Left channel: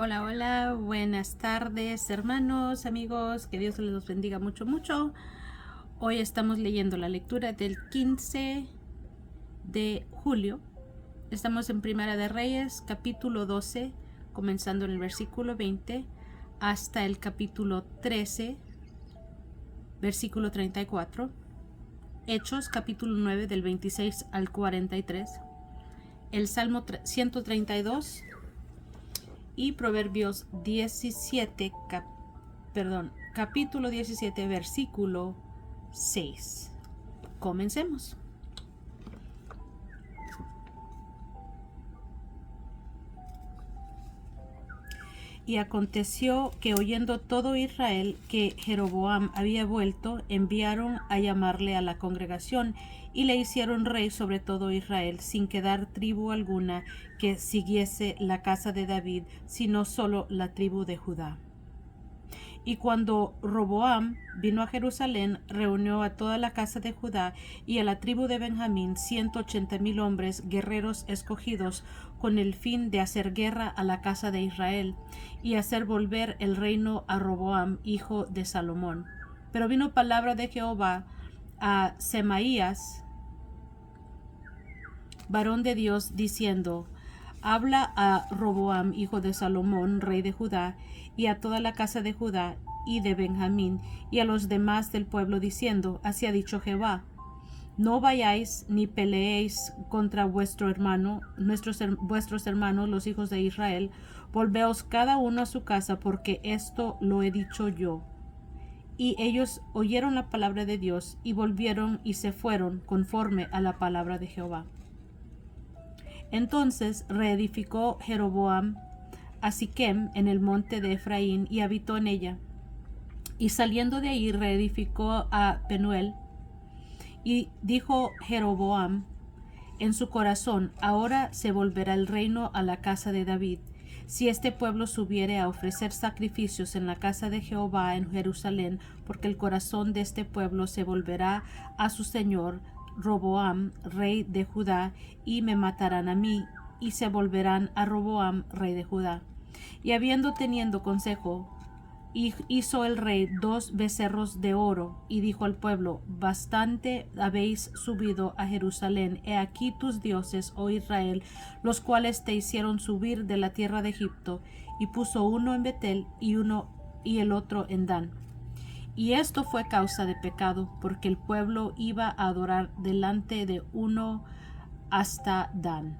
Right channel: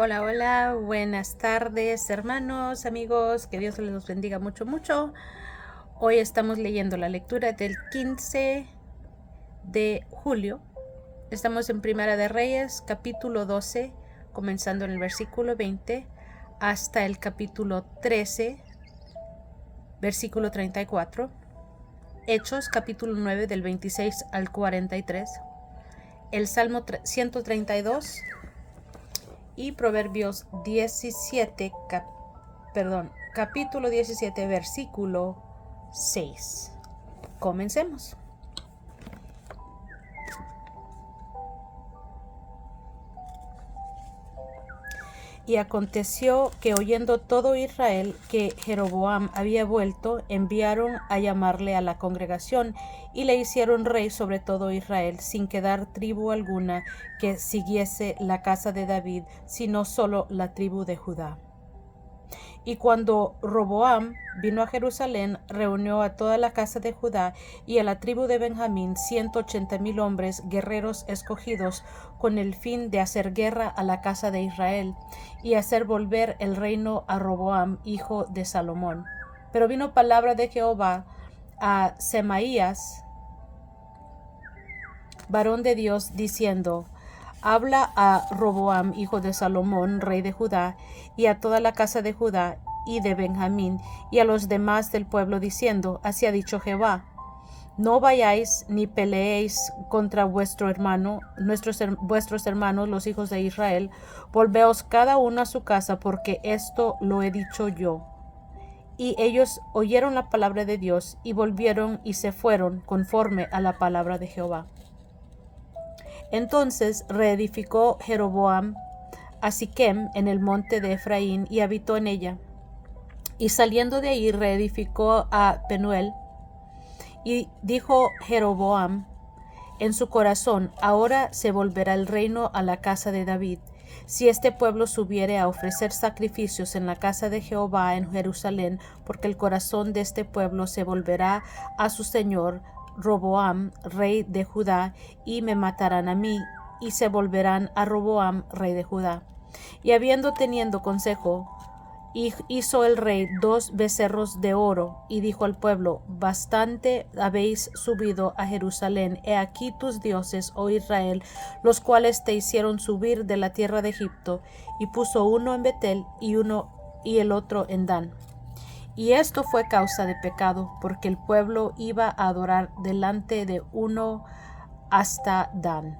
Hola, hola, buenas tardes hermanos, amigos, que Dios les bendiga mucho, mucho. Hoy estamos leyendo la lectura del 15 de julio. Estamos en Primera de Reyes, capítulo 12, comenzando en el versículo 20, hasta el capítulo 13, versículo 34. Hechos, capítulo 9, del 26 al 43. El Salmo 132 y Proverbios 17, capítulo 17, versículo 6. Comencemos. Y aconteció que oyendo todo Israel que Jeroboam había vuelto, enviaron a llamarle a la congregación y le hicieron rey sobre todo Israel, sin quedar tribu alguna que siguiese la casa de David, sino solo la tribu de Judá. Y cuando Roboam vino a Jerusalén, reunió a toda la casa de Judá y a la tribu de Benjamín 180,000 hombres guerreros escogidos, con el fin de hacer guerra a la casa de Israel y hacer volver el reino a Roboam, hijo de Salomón. Pero vino palabra de Jehová a Semaías, varón de Dios, diciendo: Habla a Roboam, hijo de Salomón, rey de Judá, y a toda la casa de Judá y de Benjamín, y a los demás del pueblo, diciendo: Así ha dicho Jehová: No vayáis ni peleéis contra vuestros hermanos, los hijos de Israel. Volveos cada uno a su casa, porque esto lo he dicho yo. Y ellos oyeron la palabra de Dios, y volvieron y se fueron conforme a la palabra de Jehová. Entonces reedificó Jeroboam a Siquem en el monte de Efraín y habitó en ella. Y saliendo de ahí reedificó a Penuel. Y dijo Jeroboam en su corazón: Ahora se volverá el reino a la casa de David, si este pueblo subiere a ofrecer sacrificios en la casa de Jehová en Jerusalén, porque el corazón de este pueblo se volverá a su señor Roboam, rey de Judá, y me matarán a mí, y se volverán a Roboam, rey de Judá. Y habiendo tenido consejo, hizo el rey 2 becerros de oro, y dijo al pueblo: Bastante habéis subido a Jerusalén. He aquí tus dioses, oh Israel, los cuales te hicieron subir de la tierra de Egipto. Y puso uno en Betel y el otro en Dan. Y esto fue causa de pecado, porque el pueblo iba a adorar delante de uno hasta Dan.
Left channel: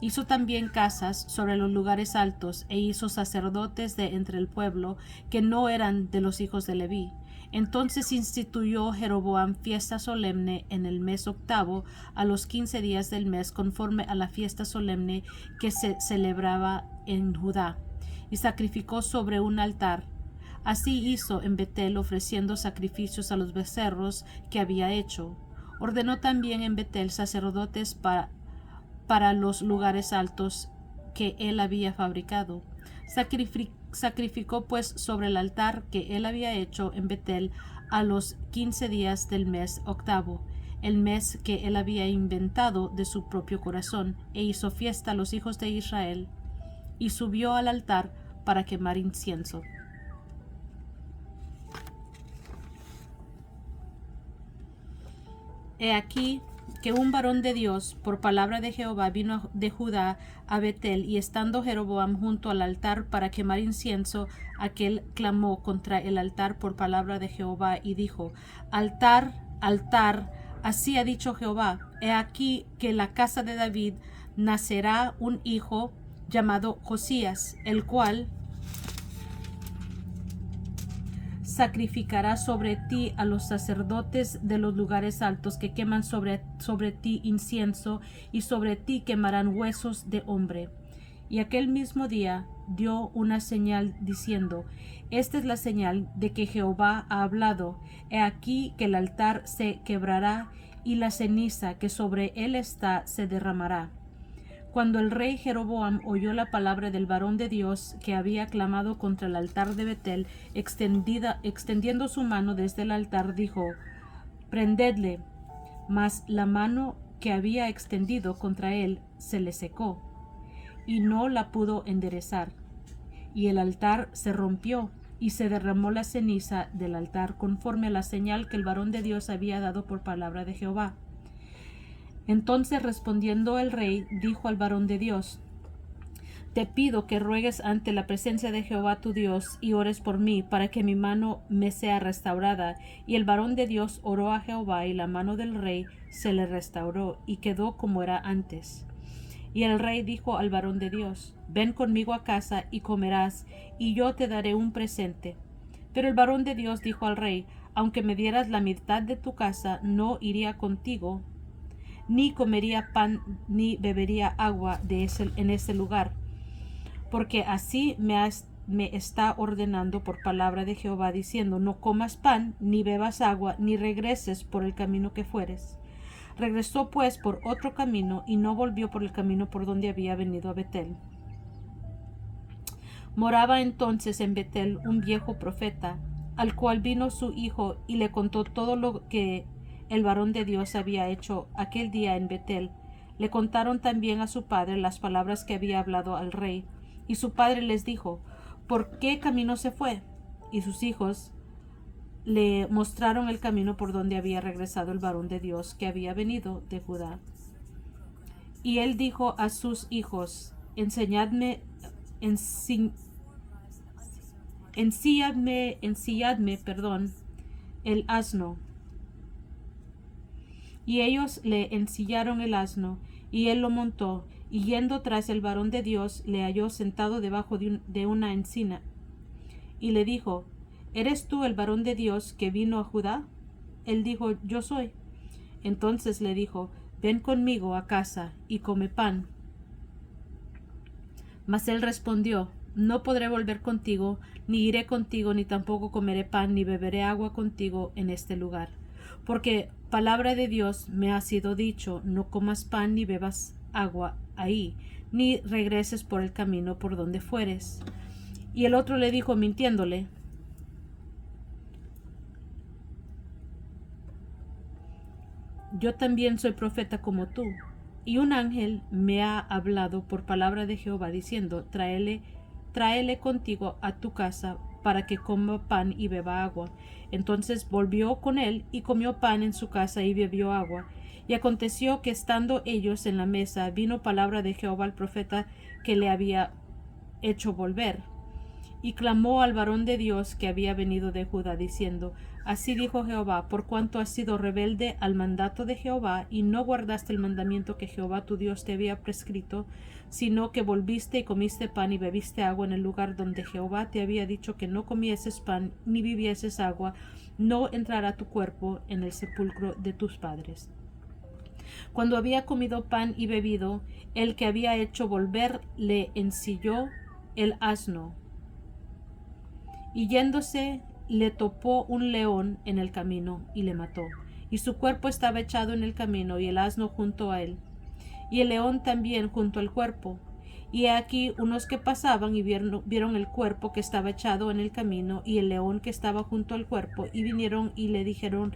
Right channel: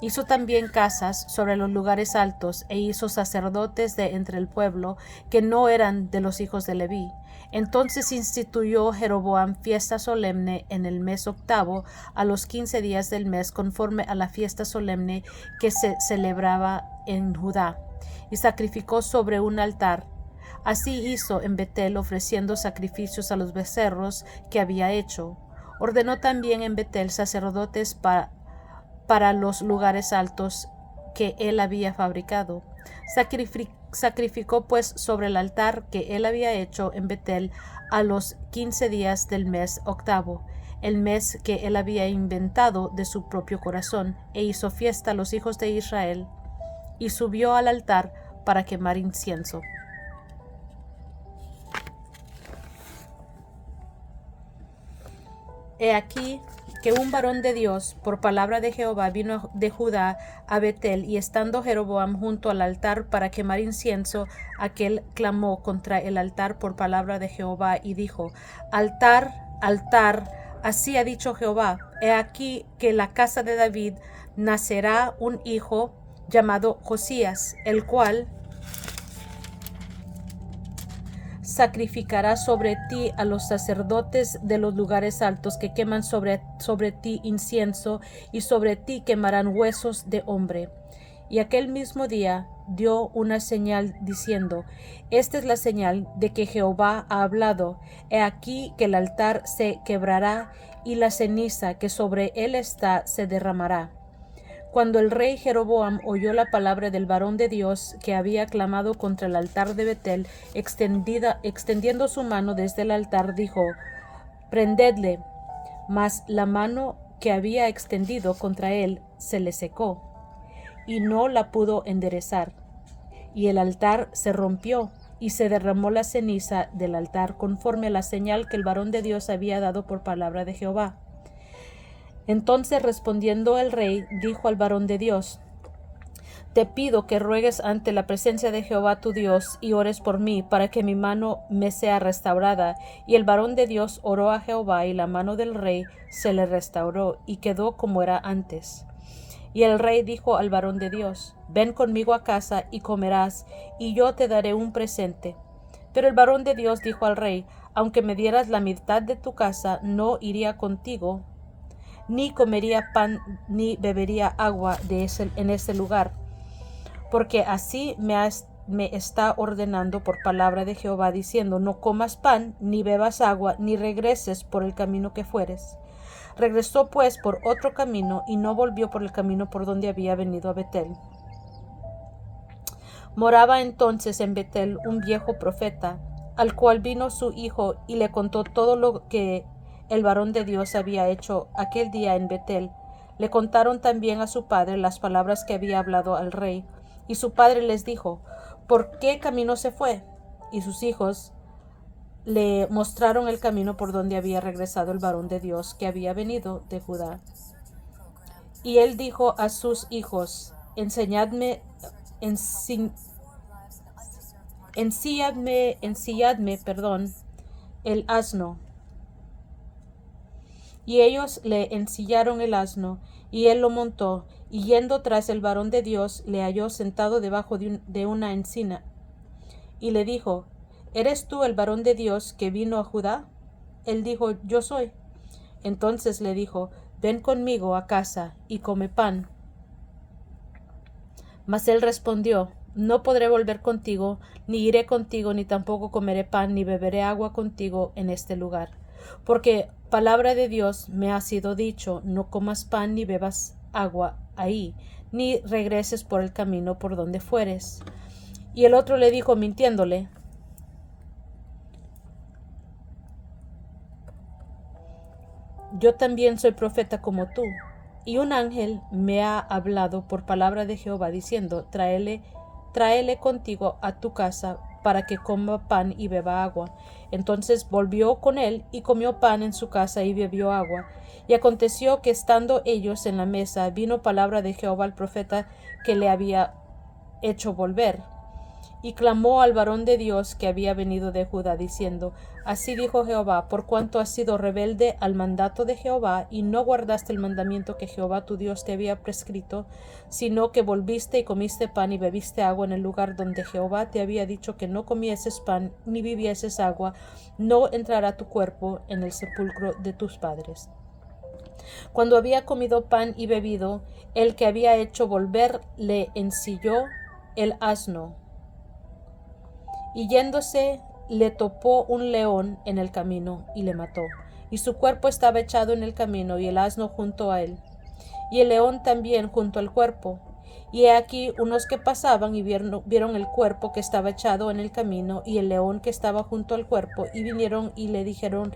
Hizo también casas sobre los lugares altos, e hizo sacerdotes de entre el pueblo, que no eran de los hijos de Leví. Entonces instituyó Jeroboam fiesta solemne en el mes octavo, a los 15 días del mes, conforme a la fiesta solemne que se celebraba en Judá, y sacrificó sobre un altar. Así hizo en Betel, ofreciendo sacrificios a los becerros que había hecho. Ordenó también en Betel sacerdotes para los lugares altos que él había fabricado. Sacrificó pues sobre el altar que él había hecho en Betel a los 15 días del mes octavo, el mes que él había inventado de su propio corazón, e hizo fiesta a los hijos de Israel, y subió al altar para quemar incienso. He aquí que un varón de Dios, por palabra de Jehová, vino de Judá a Betel, y estando Jeroboam junto al altar para quemar incienso, aquel clamó contra el altar por palabra de Jehová y dijo: Altar, altar, así ha dicho Jehová: He aquí que en la casa de David nacerá un hijo llamado Josías, el cual sacrificará sobre ti a los sacerdotes de los lugares altos, que queman sobre ti incienso, y sobre ti quemarán huesos de hombre. Y aquel mismo día dio una señal diciendo: Esta es la señal de que Jehová ha hablado. He aquí que el altar se quebrará, y la ceniza que sobre él está se derramará. Cuando el rey Jeroboam oyó la palabra del varón de Dios que había clamado contra el altar de Betel, extendiendo su mano desde el altar, dijo: Prendedle. Mas la mano que había extendido contra él se le secó, y no la pudo enderezar. y el altar se rompió, y se derramó la ceniza del altar conforme a la señal que el varón de Dios había dado por palabra de Jehová. Entonces respondiendo el rey, dijo al varón de Dios: te pido que ruegues ante la presencia de Jehová tu Dios y ores por mí, para que mi mano me sea restaurada. Y el varón de Dios oró a Jehová, y la mano del rey se le restauró, y quedó como era antes. Y el rey dijo al varón de Dios: ven conmigo a casa y comerás, y yo te daré un presente. Pero el varón de Dios dijo al rey: aunque me dieras la mitad de tu casa, no iría contigo, ni comería pan, ni bebería agua en ese lugar. Porque así me está ordenando por palabra de Jehová, diciendo: no comas pan, ni bebas agua, ni regreses por el camino que fueres. Regresó pues por otro camino, y no volvió por el camino por donde había venido a Betel. Moraba entonces en Betel un viejo profeta, al cual vino su hijo y le contó todo lo que el varón de Dios había hecho aquel día en Betel. Le contaron también a su padre las palabras que había hablado al rey. Y su padre les dijo: ¿por qué camino se fue? Y sus hijos le mostraron el camino por donde había regresado el varón de Dios que había venido de Judá. Y él dijo a sus hijos: ensilladme, el asno. Y ellos le ensillaron el asno, y él lo montó, y yendo tras el varón de Dios, le halló sentado debajo de una encina. Y le dijo: ¿eres tú el varón de Dios que vino a Judá? Él dijo: yo soy. Entonces le dijo: ven conmigo a casa y come pan. Mas él respondió: no podré volver contigo, ni iré contigo, ni tampoco comeré pan, ni beberé agua contigo en este lugar. Porque palabra de Dios me ha sido dicho: no comas pan ni bebas agua ahí, ni regreses por el camino por donde fueres. Y el otro le dijo, mintiéndole: yo también soy profeta como tú. Y un ángel me ha hablado por palabra de Jehová, diciendo: tráele contigo a tu casa, para que coma pan y beba agua. Entonces volvió con él, y comió pan en su casa, y bebió agua. Y aconteció que, estando ellos en la mesa, vino palabra de Jehová al profeta que le había hecho volver. Y clamó al varón de Dios que había venido de Judá, diciendo: así dijo Jehová: por cuanto has sido rebelde al mandato de Jehová, y no guardaste el mandamiento que Jehová tu Dios te había prescrito, sino que volviste y comiste pan y bebiste agua en el lugar donde Jehová te había dicho que no comieses pan ni bebieses agua, no entrará tu cuerpo en el sepulcro de tus padres. Cuando había comido pan y bebido, el que había hecho volver le ensilló el asno, y yéndose le topó un león en el camino y le mató. Y su cuerpo estaba echado en el camino, y el asno junto a él, y el león también junto al cuerpo. Y he aquí unos que pasaban y vieron el cuerpo que estaba echado en el camino, y el león que estaba junto al cuerpo, y vinieron y le dijeron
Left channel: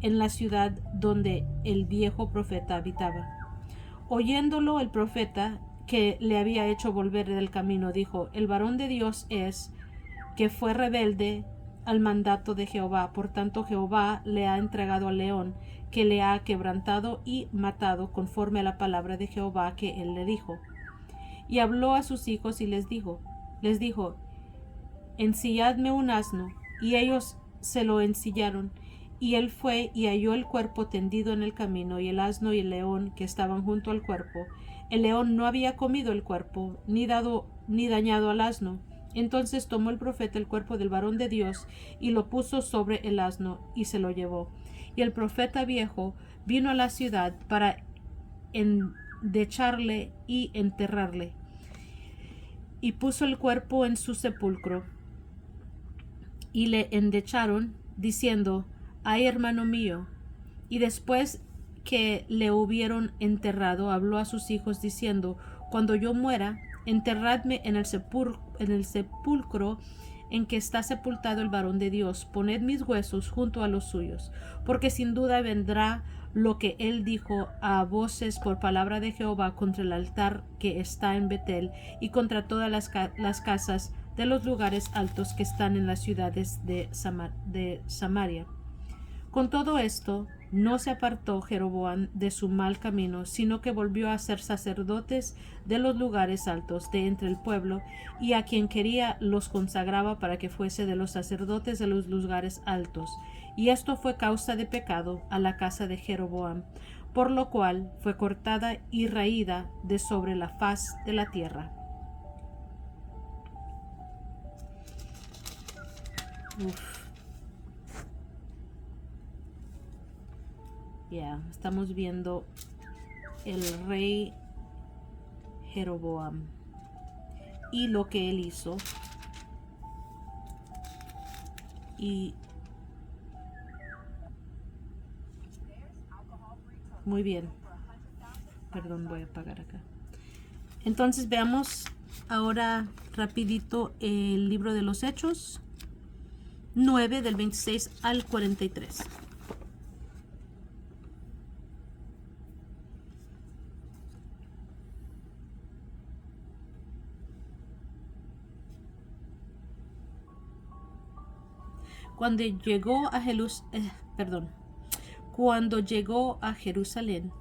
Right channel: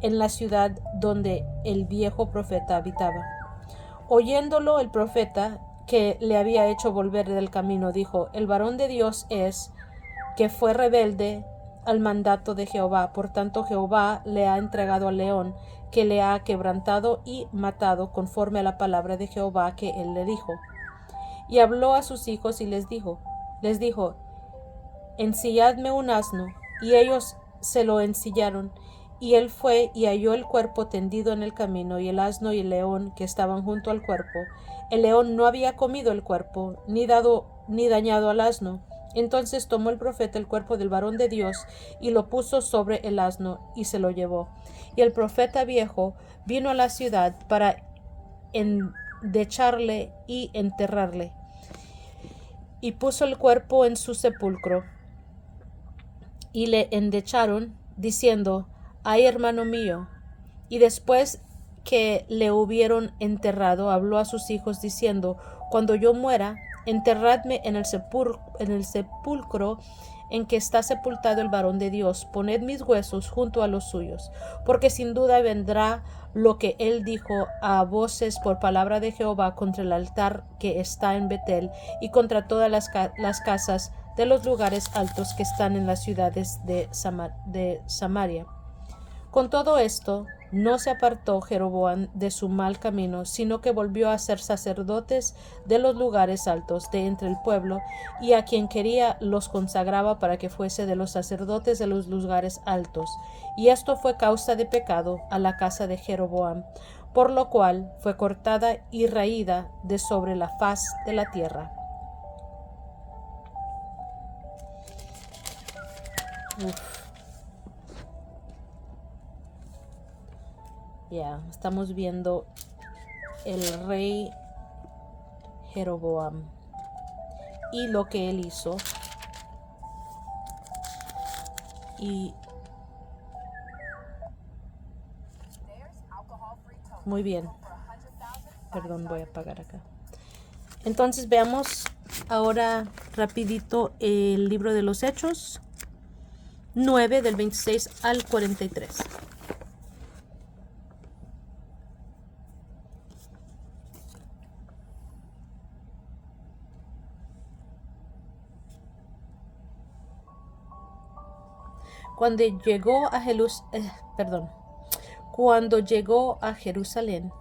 en la ciudad donde el viejo profeta habitaba. Oyéndolo el profeta que le había hecho volver del camino, dijo: el varón de Dios es, que fue rebelde al mandato de Jehová. Por tanto Jehová le ha entregado al león, que le ha quebrantado y matado, conforme a la palabra de Jehová que él le dijo. Y habló a sus hijos y les dijo: ensilladme un asno. Y ellos se lo ensillaron. Y él fue y halló el cuerpo tendido en el camino, y el asno y el león que estaban junto al cuerpo. El león no había comido el cuerpo, ni dañado al asno. Entonces tomó el profeta el cuerpo del varón de Dios, y lo puso sobre el asno, y se lo llevó. Y el profeta viejo vino a la ciudad para endecharle y enterrarle, y puso el cuerpo en su sepulcro. Y le endecharon, diciendo: ay, hermano mío. Y después que le hubieron enterrado, habló a sus hijos, diciendo: cuando yo muera, enterradme en el sepulcro en que está sepultado el varón de Dios. Poned mis huesos junto a los suyos, porque sin duda vendrá lo que él dijo a voces por palabra de Jehová contra el altar que está en Betel, y contra todas las casas de los lugares altos que están en las ciudades de Samaria. Con todo esto, no se apartó Jeroboam de su mal camino, sino que volvió a ser sacerdotes de los lugares altos de entre el pueblo, y a quien quería los consagraba para que fuese de los sacerdotes de los lugares altos. Y esto fue causa de pecado a la casa de Jeroboam, por lo cual fue cortada y raída de sobre la faz de la tierra. Estamos viendo el rey Jeroboam y lo que él hizo. Y muy bien. Perdón, voy a apagar acá. Entonces veamos ahora rapidito el libro de los Hechos 9 del 26 al 43. Cuando llegó a Jerusalén,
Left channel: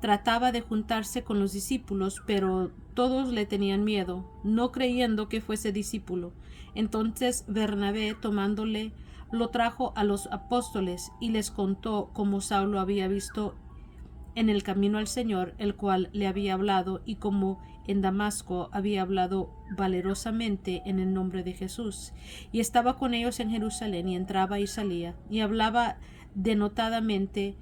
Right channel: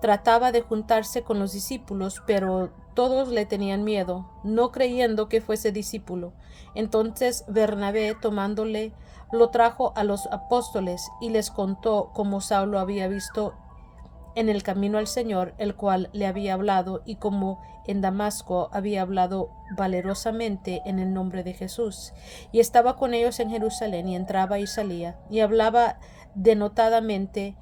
trataba de juntarse con los discípulos, pero todos le tenían miedo, no creyendo que fuese discípulo. Entonces Bernabé, tomándole, lo trajo a los apóstoles y les contó cómo Saulo había visto en el camino al Señor, el cual le había hablado, y cómo en Damasco había hablado valerosamente en el nombre de Jesús. Y estaba con ellos en Jerusalén, y entraba y salía, y hablaba denodadamente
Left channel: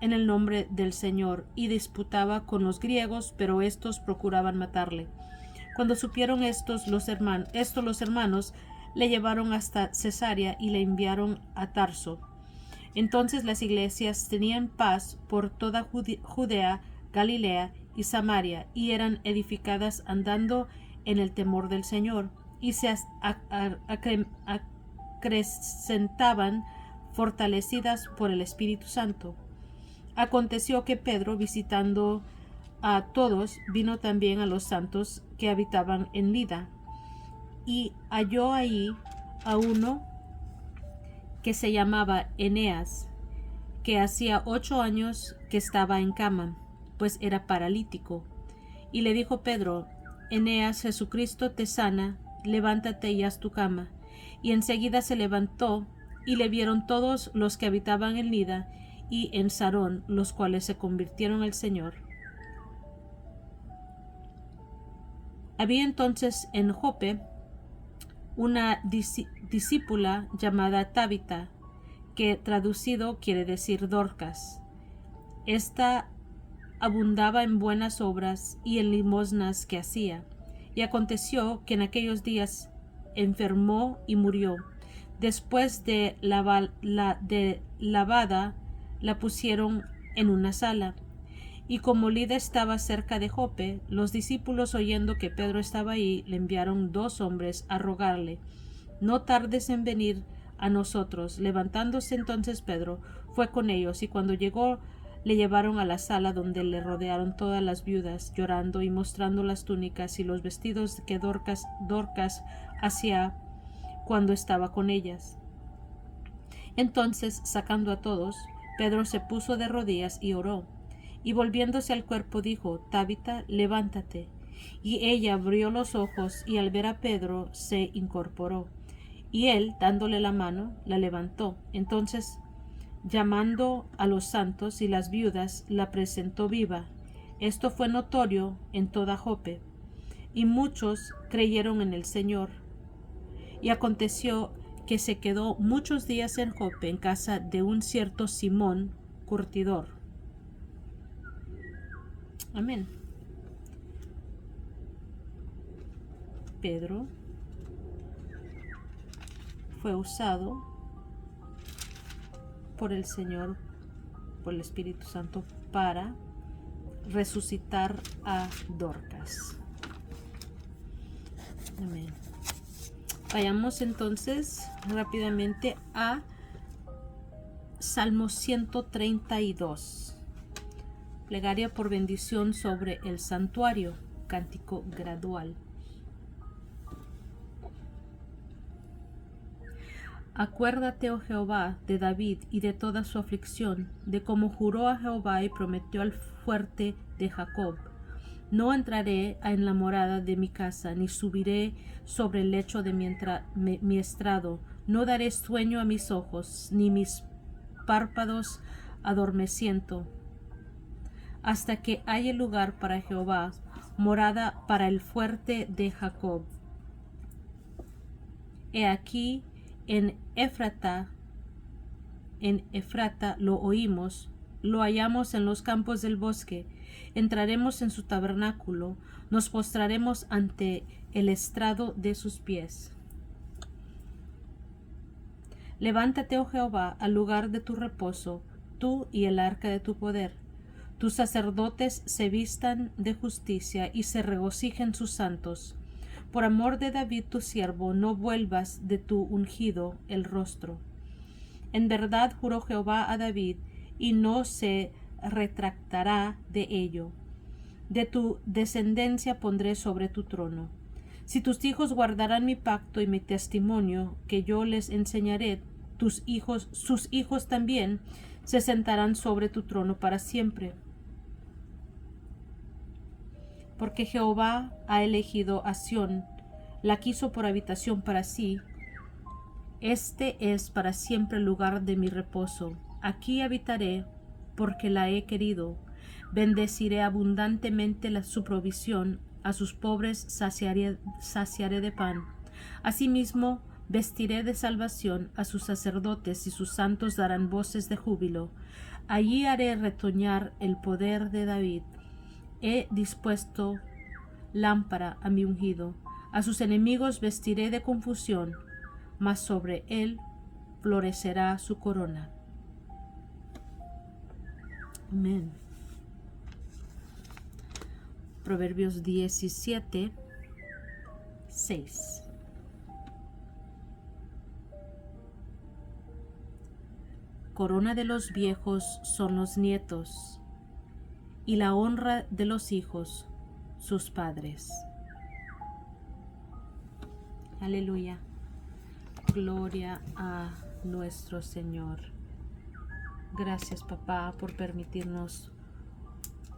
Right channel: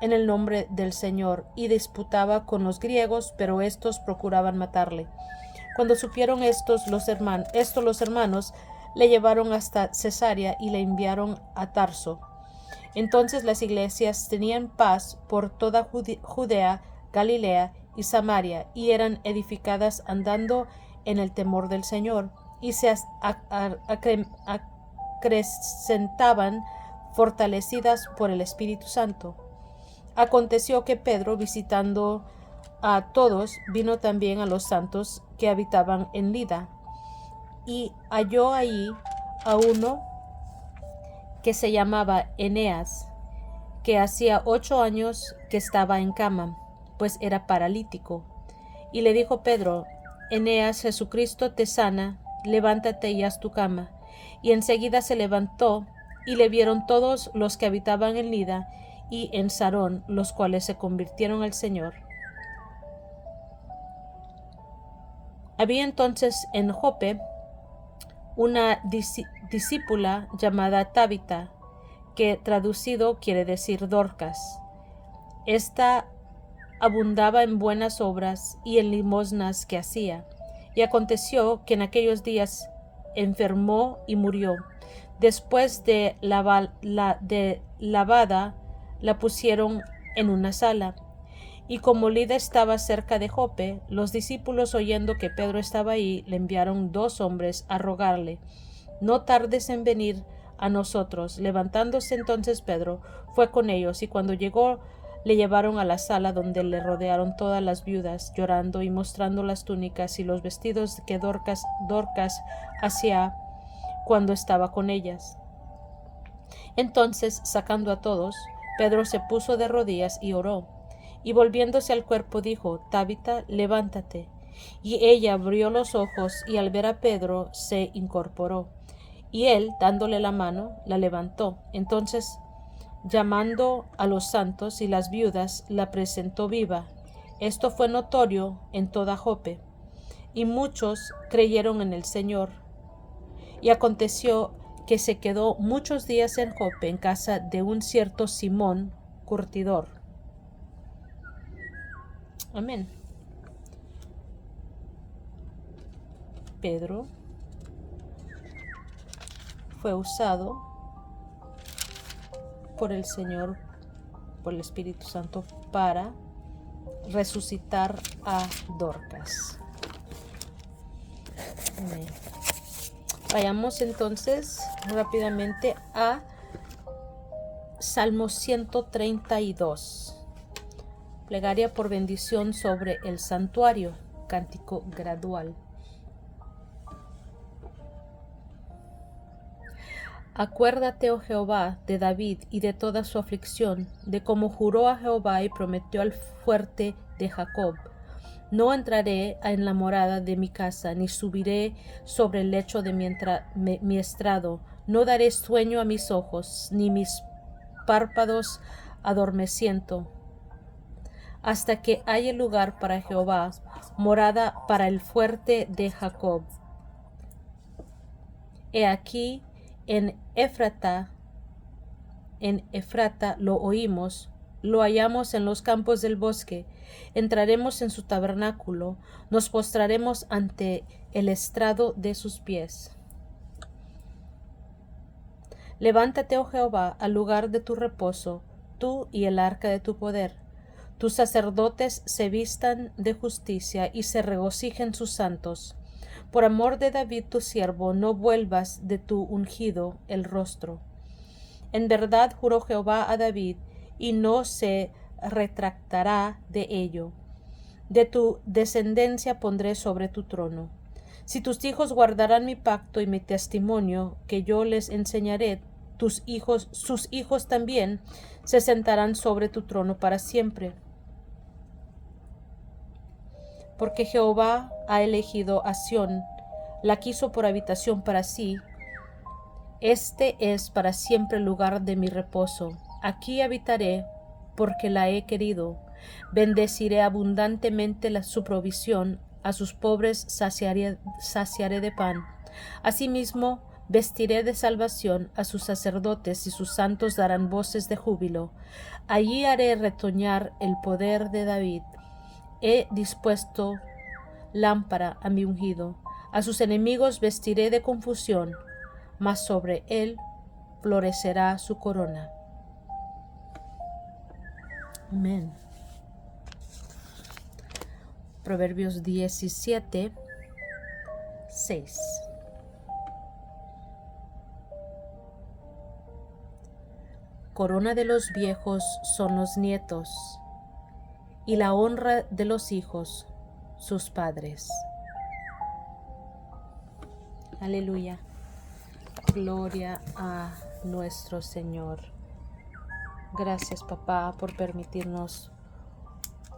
en el nombre del Señor, y disputaba con los griegos, pero estos procuraban matarle. Cuando supieron los hermanos le llevaron hasta Cesarea y le enviaron a Tarso. Entonces las iglesias tenían paz por toda Judea, Galilea y Samaria, y eran edificadas andando en el temor del Señor, y se acrecentaban fortalecidas por el Espíritu Santo. Aconteció que Pedro, visitando a todos, vino también a los santos que habitaban en Lida, y halló ahí a uno que se llamaba Eneas, que hacía 8 años que estaba en cama, pues era paralítico. Y le dijo Pedro: Eneas, Jesucristo te sana, levántate y haz tu cama. Y enseguida se levantó, y le vieron todos los que habitaban en Lida y en Sarón, los cuales se convirtieron al Señor. Había entonces en Jope una discípula llamada Tabita, que traducido quiere decir Dorcas. Esta abundaba en buenas obras y en limosnas que hacía. Y aconteció que en aquellos días enfermó y murió. Después de lavada, la pusieron en una sala. Y como Lida estaba cerca de Jope, los discípulos, oyendo que Pedro estaba ahí, le enviaron 2 hombres a rogarle: no tardes en venir a nosotros. Levantándose entonces Pedro, fue con ellos, y cuando llegó, le llevaron a la sala, donde le rodearon todas las viudas, llorando y mostrando las túnicas y los vestidos que Dorcas hacía cuando estaba con ellas. Entonces, sacando a todos, Pedro se puso de rodillas y oró, y volviéndose al cuerpo dijo: Tabita, levántate. Y ella abrió los ojos, y al ver a Pedro se incorporó. Y él, dándole la mano, la levantó. Entonces, llamando a los santos y las viudas, la presentó viva. Esto fue notorio en toda Jope, y muchos creyeron en el Señor. Y aconteció que se quedó muchos días en Jope, en casa de un cierto Simón, curtidor. Amén. Pedro fue usado por el Señor, por el Espíritu Santo, para resucitar a Dorcas. Amén. Vayamos entonces rápidamente a Salmo 132. Plegaria por bendición sobre el santuario. cántico gradual. Acuérdate, oh Jehová, de David y de toda su aflicción, de cómo juró a Jehová y prometió al fuerte de Jacob. No entraré en la morada de mi casa, ni subiré sobre el lecho de mi estrado. No daré sueño a mis ojos, ni mis párpados adormeciento, hasta que haya lugar para Jehová, morada para el fuerte de Jacob. He aquí, en Efrata lo oímos, lo hallamos en los campos del bosque. Entraremos en su tabernáculo, nos postraremos ante el estrado de sus pies. Levántate, oh Jehová, al lugar de tu reposo, tú y el arca de tu poder. Tus sacerdotes se vistan de justicia y se regocijen sus santos. Por amor de David tu siervo, no vuelvas de tu ungido el rostro. En verdad juró Jehová a David, y no se retractará de ello. De tu descendencia pondré sobre tu trono. Si tus hijos guardarán mi pacto y mi testimonio que yo les enseñaré, sus hijos también se sentarán sobre tu trono para siempre. Porque Jehová ha elegido a Sión, la quiso por habitación para sí. Este es para siempre el lugar de mi reposo. Aquí habitaré, porque la he querido. Bendeciré abundantemente su provisión, a sus pobres saciaré de pan. Asimismo, vestiré de salvación a sus sacerdotes, y sus santos darán voces de júbilo. Allí haré retoñar el poder de David. He dispuesto lámpara a mi ungido. A sus enemigos vestiré de confusión, mas sobre él florecerá su corona. Amén. Proverbios 17, 6. Corona de los viejos son los nietos, y la honra de los hijos sus padres. Aleluya. Gloria a nuestro Señor. Gracias, papá, por permitirnos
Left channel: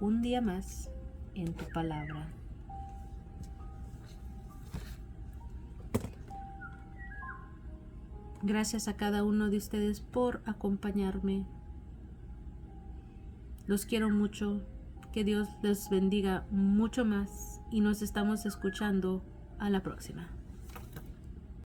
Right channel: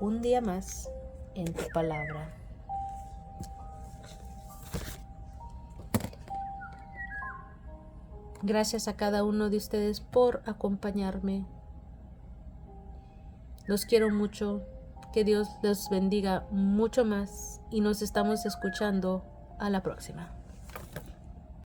un día más en tu palabra. Gracias a cada uno de ustedes por acompañarme. Los quiero mucho. Que Dios les bendiga mucho más y nos estamos escuchando a la próxima.